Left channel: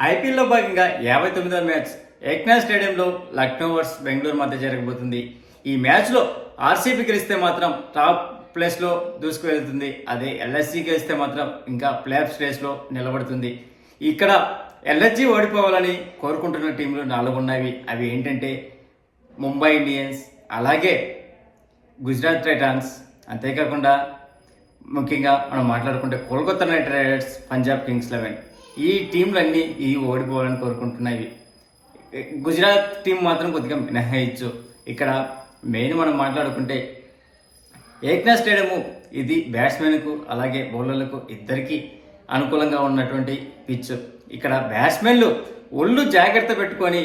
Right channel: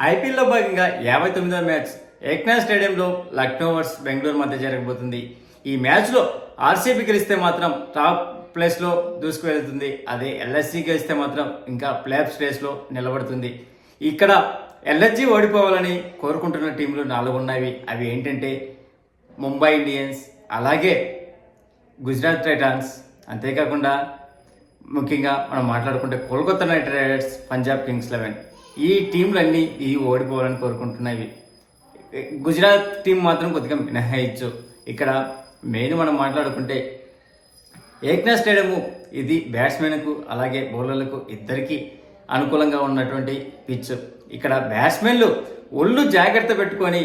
ఐపీఎల్లో భాగంగా 59వ మ్యాచ్ ఏక్నాథ్ స్టేడియంలో లక్నో వర్సెస్ బెంగళూరు మధ్య జరగబోతుంది. ఈ మ్యాచ్లో ఆర్సీబీ గెలిస్తే మాత్రం టాప్ ప్లేస్లో దూసుకువెళ్తుంది. అదే ఎల్ఎస్జీ గెలిస్తే మాత్రం ఇంకా ప్లేఆఫ్ రేస్లో నిలబడుతుంది. ఇక్కడ ఎల్ఎస్జీ ఓడిపోవాలని కోరుకుంటున్న టీంలు 4 ఉన్నాయి. అవి ఏంటంటే ముంబై ఇండియన్స్, అలాగే గుజరాత్ టైటాన్స్, అంతేకాకుండా ముఖ్యంగా మనం మాట్లాడుకుంటే Kolkata night riders, Punjab Kings 11. ఈ టీంలన్నీ ఓడిపోవాలని కోరుకుంటున్నాయి. గుజరాత్ టీం మాత్రం కొద్దిగా మినహాయించు. ఇక్కడ మెయిన్ మనం మాట్లాడుకుంటే ఏక్నాథ్ స్టేడియము ఇది బ్యాట్స్మెన్కు అలాగే బౌలర్లకు ఇద్దరికీ అనుకూలంగా ఉన్నటువంటి పిచ్. ఇక్కడ బ్యాట్స్మెన్లు ఒళ్ళు జాగ్రత్త పెట్టుకొని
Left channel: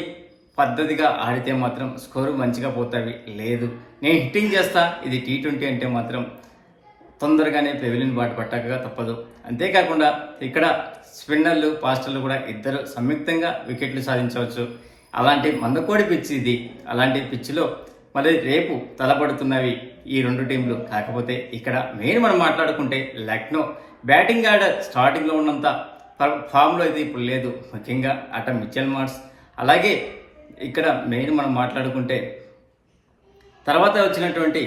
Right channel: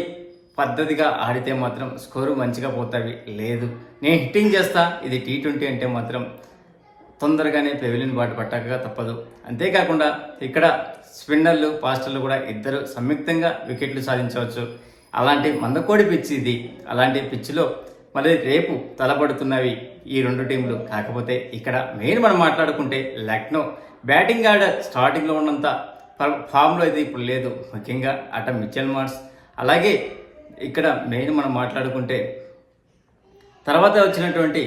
పద్ధతిగా ఆడితే మాత్రం స్కోరు మంచిగా పోతాయి. లేదు నేను హిట్టింగ్ చేస్తా, ఇది T20 అంటే మాత్రం తొందరగానే పెవిలియన్ బాట పట్టక తప్పదు. అంతేకాకుండా ఇక్కడ స్పిన్నర్లు, ఫాస్టర్లు కూడా ఇద్దరు సంయుక్తంగా వికెట్లు సాధించవచ్చు. అలాంటి మందకోడి పిచ్ ఇది. అలాంటి పిచ్లో మరి రేపు తలపడుతున్నవి ఈ 2 టీంలు. కాకపోతే ఇక్కడ మెయిన్ మనం మాట్లాడుకుంటే లక్నో బ్యాటింగ్ ఆర్డర్ స్టార్టింగ్లో ఉన్నంత ఫామ్లో అయితే ఇప్పుడు లేదు. ముఖ్యంగా అట మిచెల్ మార్ష్, అలాగే ఇక్కడ మెయిన్ మనం మాట్లాడుకుంటే తర్వాత వచ్చినటువంటి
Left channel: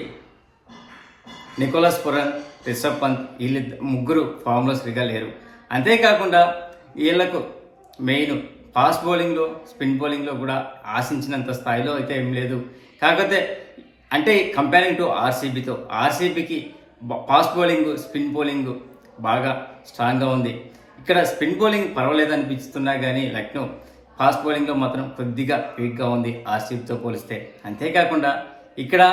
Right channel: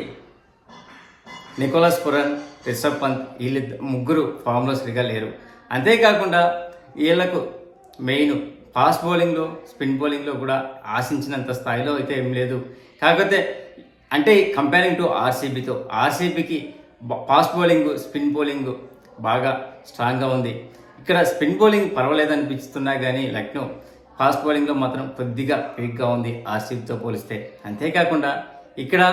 నికోలస్ పురన్, రిషబ్ పంత్, వీళ్ళు ముగ్గురు ఫామ్లో సరిగా లేరు. అంతేకాకుండా వీళ్లకు మెయిన్ ఫాస్ట్ బౌలింగ్లో, స్పిన్ బౌలింగ్లో కూడా ఆశించినంత స్థాయిలో అయితే ఏం లేదు. కాకపోతే అంటే కంపేరింగ్ టు ఆర్సీబీతో, ఆర్సీబీకి ఫాస్ట్ బౌలింగ్, స్పిన్ బౌలింగ్ బాగా స్ట్రాంగ్గా ఉంది. ఇక్కడ స్పిన్ బౌలింగ్ పర్వాలేదు అనిపిస్తున్నా కానీ లక్నో ఫాస్ట్ బౌలింగ్లో మాత్రం కొద్దిగా వీక్గా ఉంది ఆర్సీబీతో పోలిస్తే. అంతేకాకుండా ఇక్కడ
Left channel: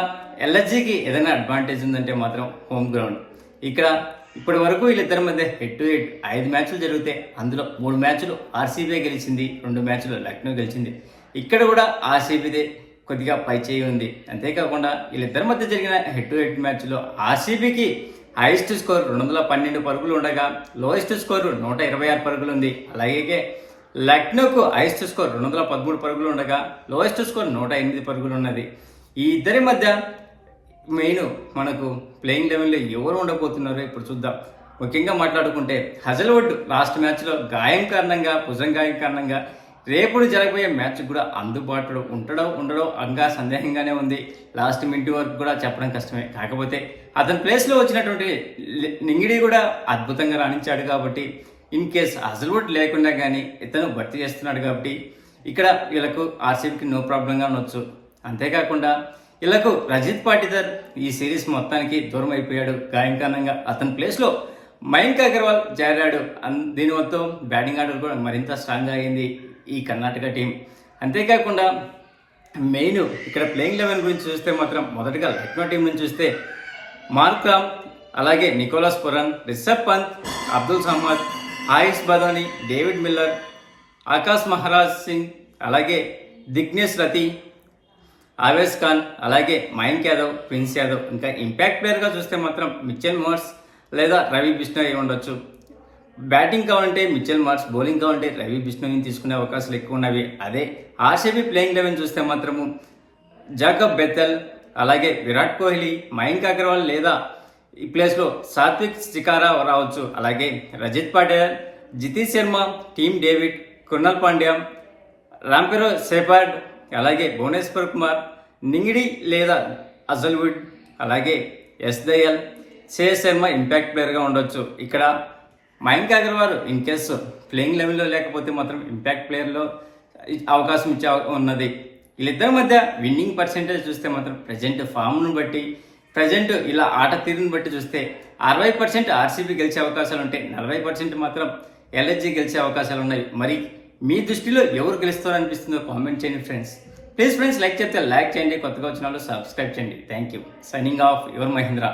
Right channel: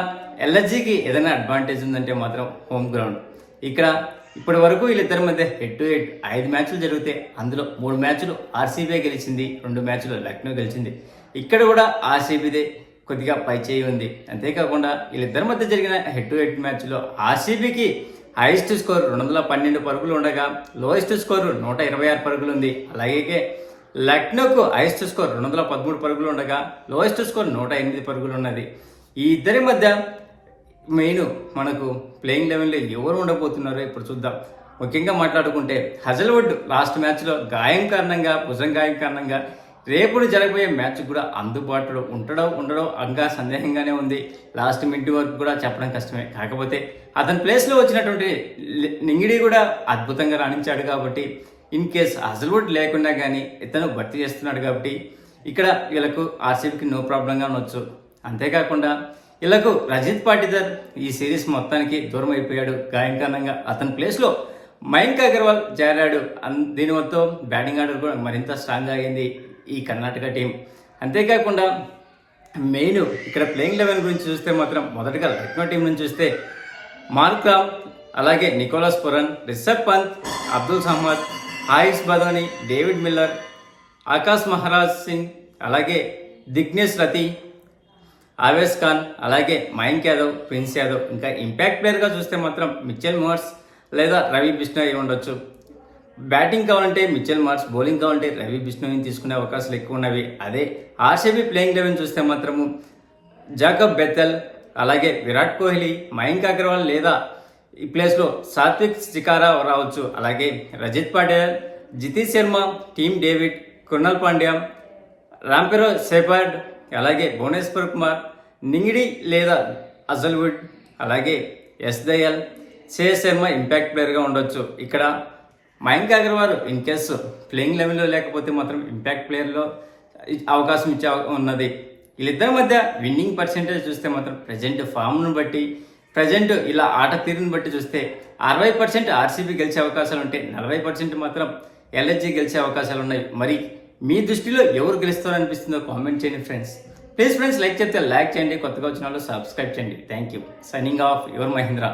ఎల్ఎస్జీకి ఏదైనా అడ్వాంటేజ్ ఉందంటే మాత్రం హోమ్ గ్రౌండ్. ఇక్కడ ఇప్పటి వరకు వీళ్ళిద్దరి మధ్య హెడ్ టు హెడ్ 5 మ్యాచ్లు జరిగితే అందులో 3 మ్యాచ్లు ఆర్సీబీ గెలిచింది, 2 మ్యాచ్లు లక్నో గెలిచింది. ఇక్కడ కూడా ఆర్సీబీదే కొద్దిగా పై చేయి ఉంది. అంతేకాకుండా వీళ్ళిద్దరి మధ్య జరిగిన హెడ్ టు హెడ్ మ్యాచ్లో ఆర్సీబీకి హైయెస్ట్ స్కోర్ 212 పరుగులు ఉండగా లోయెస్ట్ స్కోర్ 126 పరుగులు ఉంది. అలాగే లక్నోకు హైయెస్ట్ స్కోర్ 213 పరుగులు ఉండగా లోయెస్ట్ స్కోర్ 108 పరుగులు ఉన్నది. ఈ ఇద్దరి మధ్య మెయిన్ మనకు ప్లేయింగ్ లెవెన్లో ఎవరు ఉండబోతున్నారో ఇప్పుడు చూద్దాం. ముఖ్యంగా మాట్లాడుకుంటే హజల్వుడ్ లాస్ట్ మ్యాచ్లో గాయం కారణంగా, భుజం గాయం కారణంగా రేపు జరగబోయే మ్యాచ్ కూడా అందుబాటులో ఉండడో అంగా సందేహంగానే ఉంది. లాస్ట్ మినిట్ వరకు కూడా చెప్పడం కష్టమే. కాకపోతే అతని ప్లేస్లో వచ్చినటువంటి నింగిడి కూడా అద్భుతంగా రాణించాడు కాబట్టి ఇన్ కేస్ హజల్వుడ్ లేకుండా కానీ ఇతను భర్తీ చేస్తున్నాడు కాబట్టి ఇక్కడ వీళ్ళకు ఆర్సీబీకి నో ప్రాబ్లంగా ఉండొచ్చు. అంతేకాకుండా వీళ్ళకు రజిత్ పాటిదార్ ఈ సిరీస్ మొత్తానికి దూరం అయిపోయాడు గాయం కారణంగా. అతని ప్లేస్లో మయాంక్ అగర్వాల్ చేరాడు. దీని మొత్తం బ్యాటింగ్ ఆర్డర్ కూడా మరింత స్ట్రాంగ్ అయింది ఈ కర్ణాటక టీం. అంతేకాకుండా మెయిన్ ఇక్కడ ప్లేయింగ్ లెవెన్ గురించి చూస్తే మాత్రం మొదటగా లక్నో టీం నుంచి చూస్తే మార్క్రామ్, అలాగే Nicholas Pooran, Rishabh Pant, Abdul Samad, Haris Badoni, David Miller, Akash Maharaj Singh, అలాగే దిగ్నేష్ రతి, ఆవేశ్ ఖాన్, అలాగే మయాంక్ యాదవ్, ప్రిన్స్ యాదవ్. ఇంకా ఇంపాక్ట్ ప్లేయర్గా చూస్తే మాత్రం మిచెల్ మార్ష్ లేదా రవి బిష్ణోయ్ ఉండొచ్చు. బ్యాటింగ్ కావాలంటే మిచెల్ మార్ష్, బౌలింగ్ కావాలంటే రవి బిష్ణోయ్ని తీసుకునే అవకాశాలు ఎక్కువ ఉన్నవి. అదే ఆర్సీబీ ప్లేయింగ్ లెవెన్ చూస్తే మాత్రము జాకబ్ బెత్తెల్, అలాగే విరాట్ కోహ్లీ, మయాంక్ అగర్వాల్ లేదా ఈ ప్లేస్లో సాత్విక్ శికారా రావచ్చు. అలాగే రజిత్ పాటిదార్, జితేష్ శర్మ, టీమ్ డేవిడ్, కృణాల్ పాండ్యా, రాంపెరో సెఫర్డ్, అలాగే భువనేశ్వర్ కుమార్, నింగిడి లేదా హజల్వుడ్, అలాగే ఎస్ దయాల్, శ్రేయస్ శర్మ ఇంపాక్ట్ ప్లేయర్గా ఉండొచ్చు. ఇక్కడ Mayank Agarwal in case playing లెవెల్లో లేకపోతే మాత్రం ఇంపాక్ట్ ప్లేయర్లో అవకాశం ఇచ్చే ఉన్నది. వీళ్ళిద్దరి మధ్య విన్నింగ్ పర్సెంటేజ్ చూస్తే మాత్రం ప్రజెంట్ ఫామ్ను బట్టి, ప్రజెంట్ ఇలా ఆట తీరుని బట్టి చూస్తే 60% ఆర్సీబీ గెలిచే అవకాశాలు ఉంటాయి, 40% మాత్రం ఎల్ఎస్జీ గెలిచే అవకాశాలు ఉన్నాయి. మరి మీ దృష్టిలో ఎవరు గెలుస్తారనిపిస్తుందో కామెంట్ చేయండి ఫ్రెండ్స్. ప్లీజ్ ఫ్రెండ్స్, లైక్ చేస్తే లైక్ చేయండి, కొత్తగా వచ్చిన వాళ్ళు సబ్స్క్రైబ్ చేయండి. Thank you. Signing off your Mahindra.